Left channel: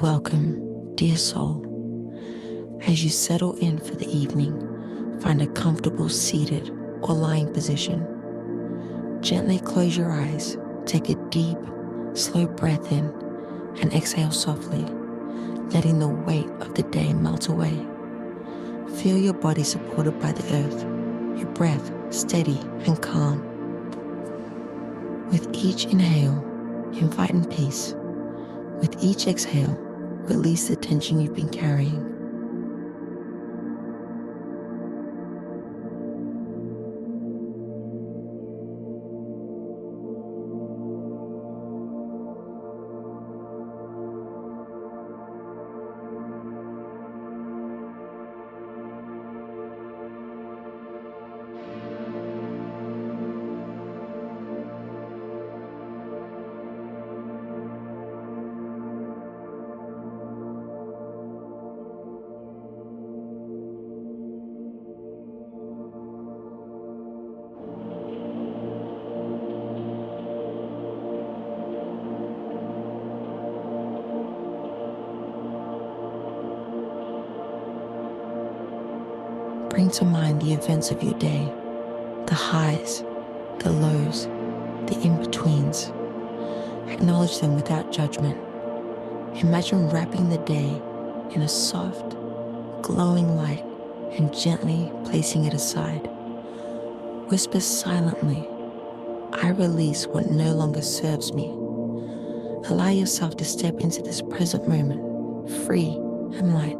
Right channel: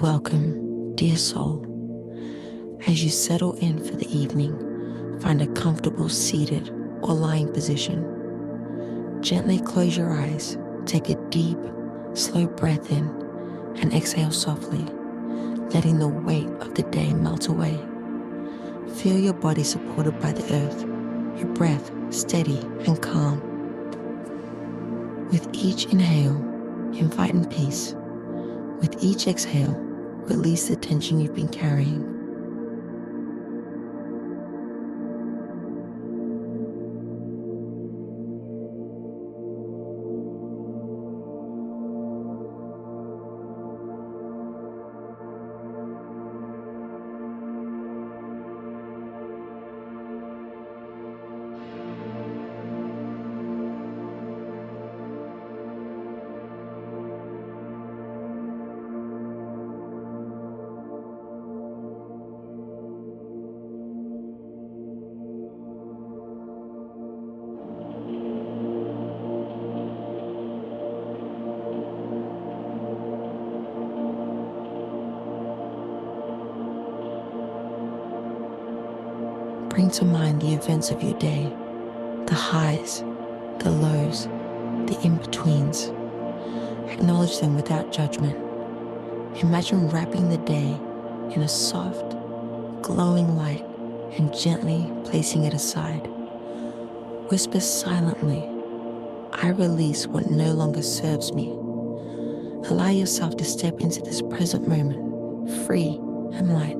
Welcome, dear soul. As you settle in for the evening, find a comfortable seated or lying position. Gently close your eyes, take a deep, slow breath in, and exhale softly, letting the weight of the day melt away. Feel your body supported by the earth, your breath steady and calm. With each inhale, invite in peace. With each exhale, release the tension you've been carrying. Bring to mind the events of your day, the highs, the lows, the in-betweens. Acknowledge them without judgment. Imagine wrapping the day in a soft, glowing light and gently placing it aside. Whisper silently, I release what no longer serves me. Allow yourself to step into this present moment, free and light.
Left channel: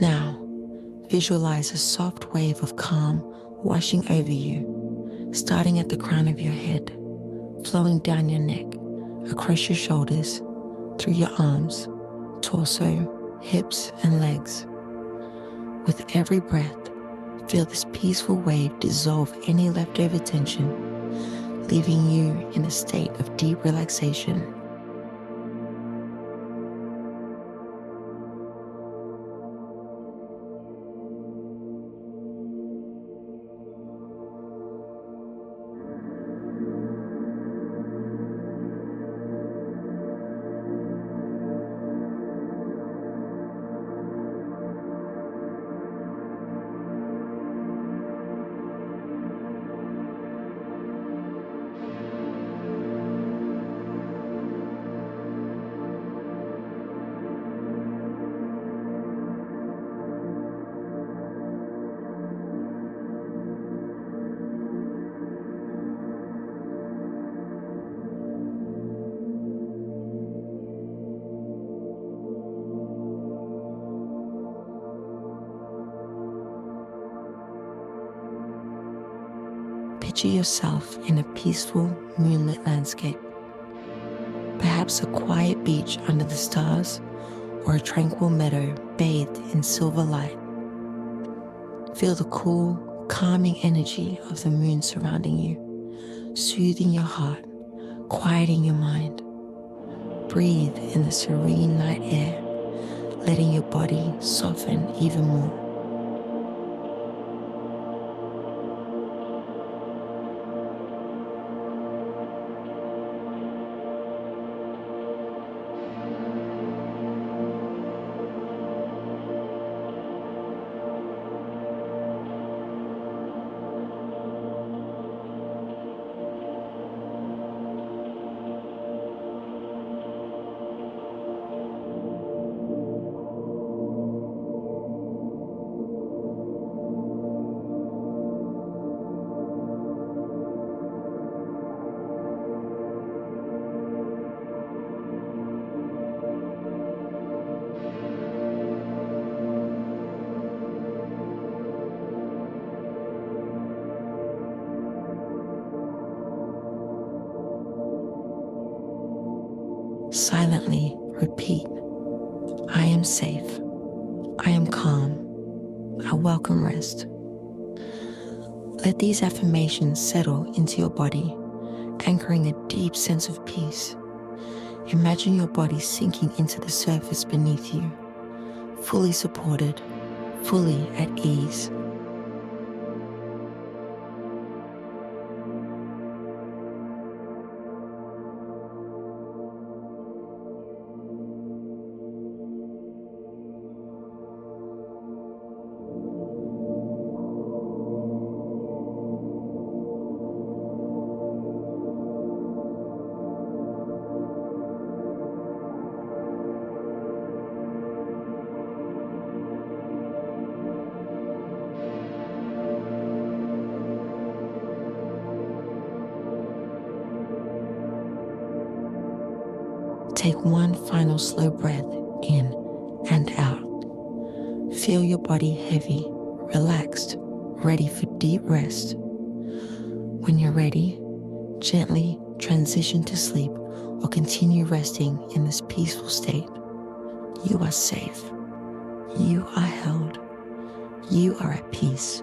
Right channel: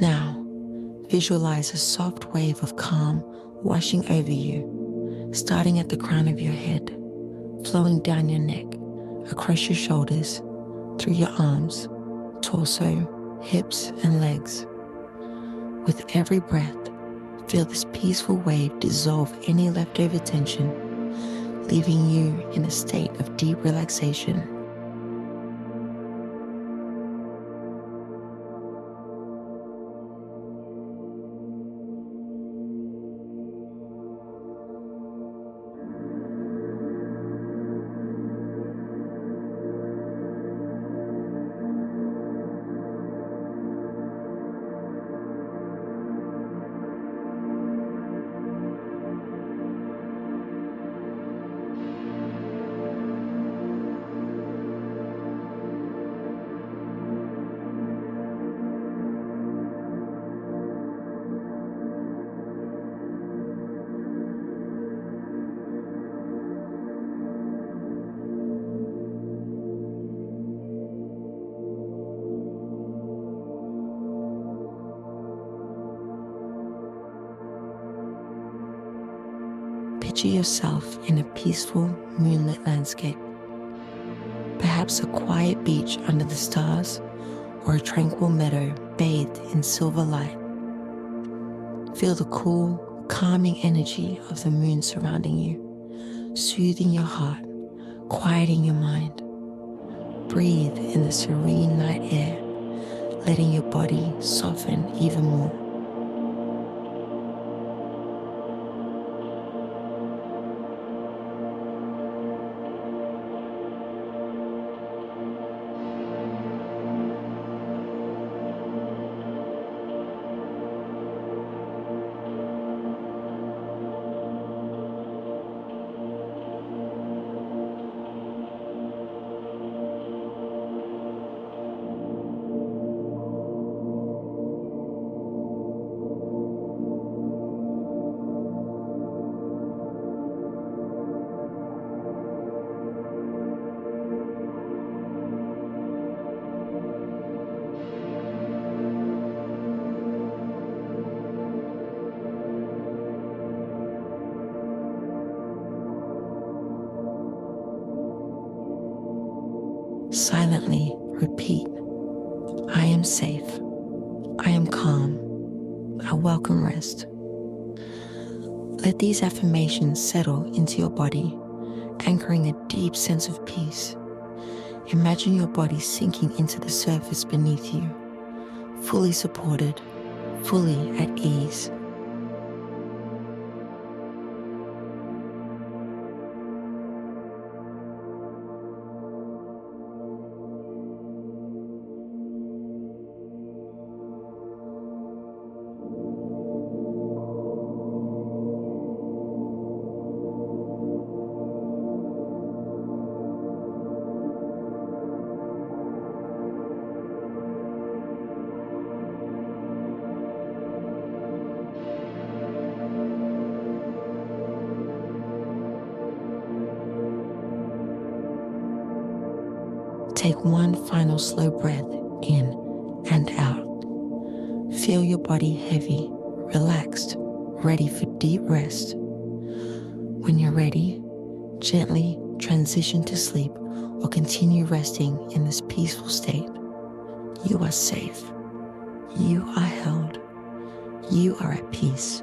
Now, visualize a soft wave of calm washing over you, starting at the crown of your head, flowing down your neck, across your shoulders, through your arms, torso, hips, and legs. With every breath, feel this peaceful wave dissolve any leftover tension, leaving you in a state of deep relaxation. Picture yourself in a peaceful, moonlit landscape. Perhaps a quiet beach under the stars or a tranquil meadow bathed in silver light. Feel the cool, calming energy of the moon surrounding you, soothing your heart, quieting your mind. Breathe in the serene night air, letting your body soften even more. Silently repeat, I am safe. I am calm. I welcome rest. Let these affirmations settle into your body, anchoring a deep sense of peace. Imagine your body sinking into the surface beneath you, fully supported, fully at ease. Take one final slow breath in and out. Feel your body heavy, relaxed, ready for deep rest. When you're ready, gently transition to sleep or continue resting in this peaceful state. You are safe. You are held. You are at peace.